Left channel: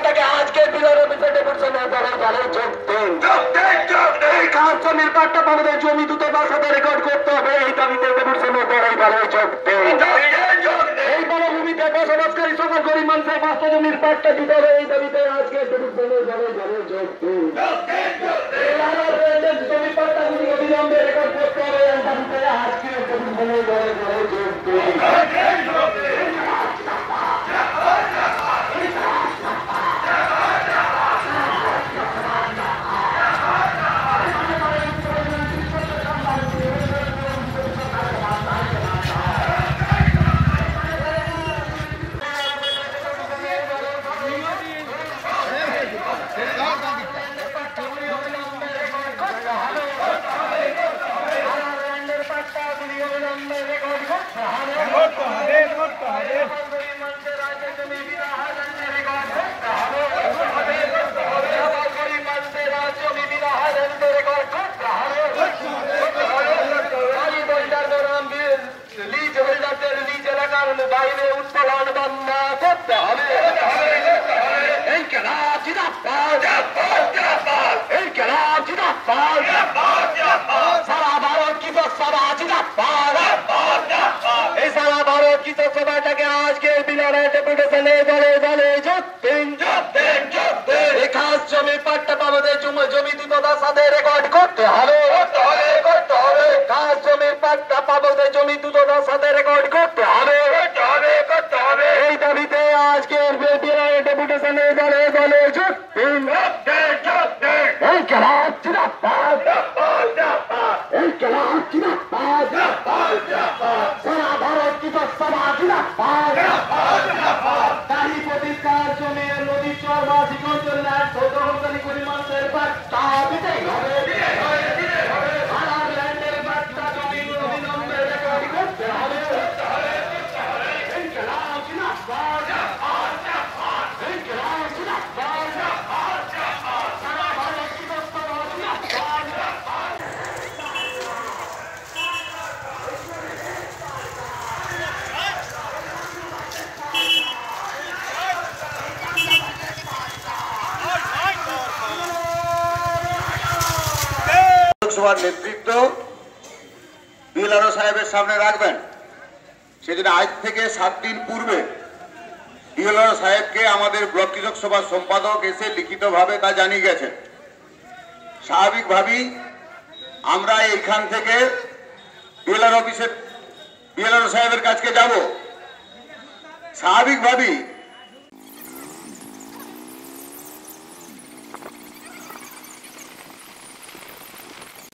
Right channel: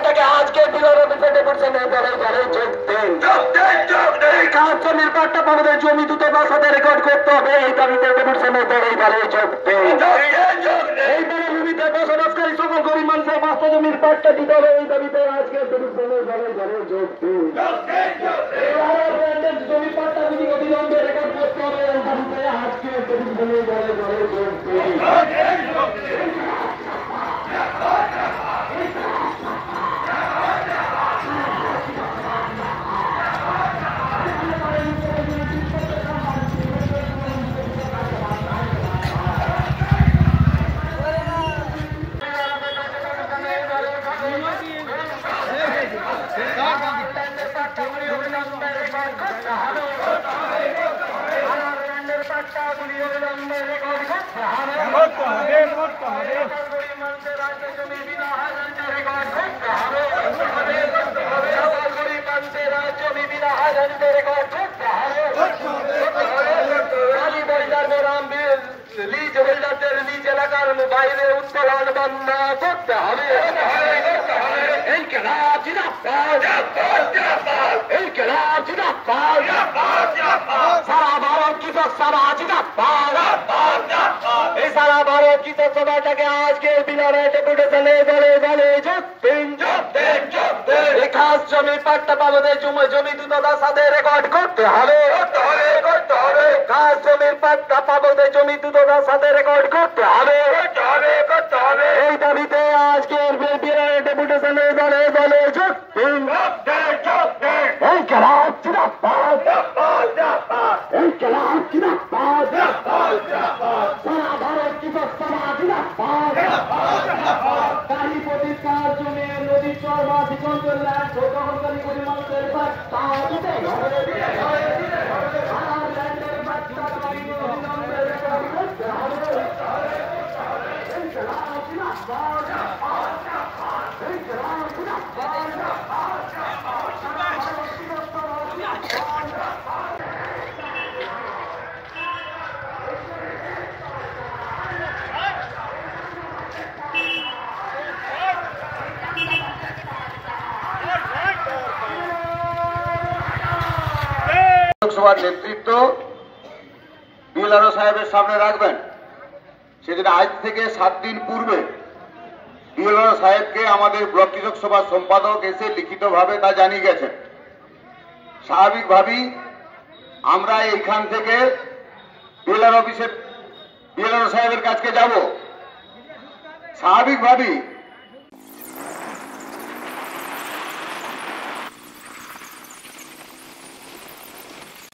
সভাটাকে আজকে বিলর অফিসে ডেপুটেশন দলের দলে যোগ দেন। এই খাস জমির পাট্টা পাবদের জমি দ্রুত বাসাতে রেকর্ড করতে হবে, এই দাবিতে ডেপুটেশনের দলের দলে যোগ দেন। এই বনভূমিতে বসবাসকারী সকল গরিব মানুষের বাস্তা জমির পাট্টা দিতে হবে, এই দাবিতে আজকে ডেপুটেশনের দলের দলে যোগ দেন। জমির পাট্টাগুলি অবিলম্বে রেকর্ড করতে হবে, এই দাবিতে আজকে ডেপুটেশনের দলের দলে যোগ দেন। বাইরে উত্তোলন বন্ধ করতে হবে। এই খেলাফ জিন্দাবাদ, এই খেলাফ জিন্দাবাদ, সারা ভারত কৃষক সভা জিন্দাবাদ। এই সারা ভারত কৃষক সভাটাকে আজকে বিলরে ডেপুটেশনে দলে দলে যোগ দিন। এই খাস জমি পাট্টা পাবদের জমি দ্রুততার সাথে রেকর্ড করতে হবে। খাস জমির পাট্টা পাবদের জমি দ্রুততার সাথে রেকর্ড করতে হবে। এই দাবিতে আজকের ডেপুটেশনে দলে দলে যোগ দিন। এই খেলাফ জিন্দাবাদ, এই খেলাফ জিন্দাবাদ, সারা ভারত কৃষক সভা জিন্দাবাদ। তারই প্রতিকার জমি নদী চর বা দিগন্তর ল্যান্ড গ্রহণকারী গরিব মানুষের পাট্টা দিতে হবে। আর ল্যান্ডের পাট্টা জমি অবিলম্বে রেকর্ড করতে হবে। এই খেলাফ জিন্দাবাদ, এই খেলাফ জিন্দাবাদ, সারা ভারত কৃষক সভা জিন্দাবাদ। লোকসভার নেতৃত্ব বিএলআরও সাহেবের সামনে রাখবেন। সেদিন আজ থেকে 7 দিন পূর্বে বিএলআরও সাহেবকে আমাদের ব্লক কৃষক সভার সম্পাদক এসে লিখিতভাবে তা জানিয়ে গেছেন। স্বাভাবিকভাবেই আমরা এইখান থেকে বিএলআরও সাহেবের কাছে যাব। স্বাভাবিকভাবেই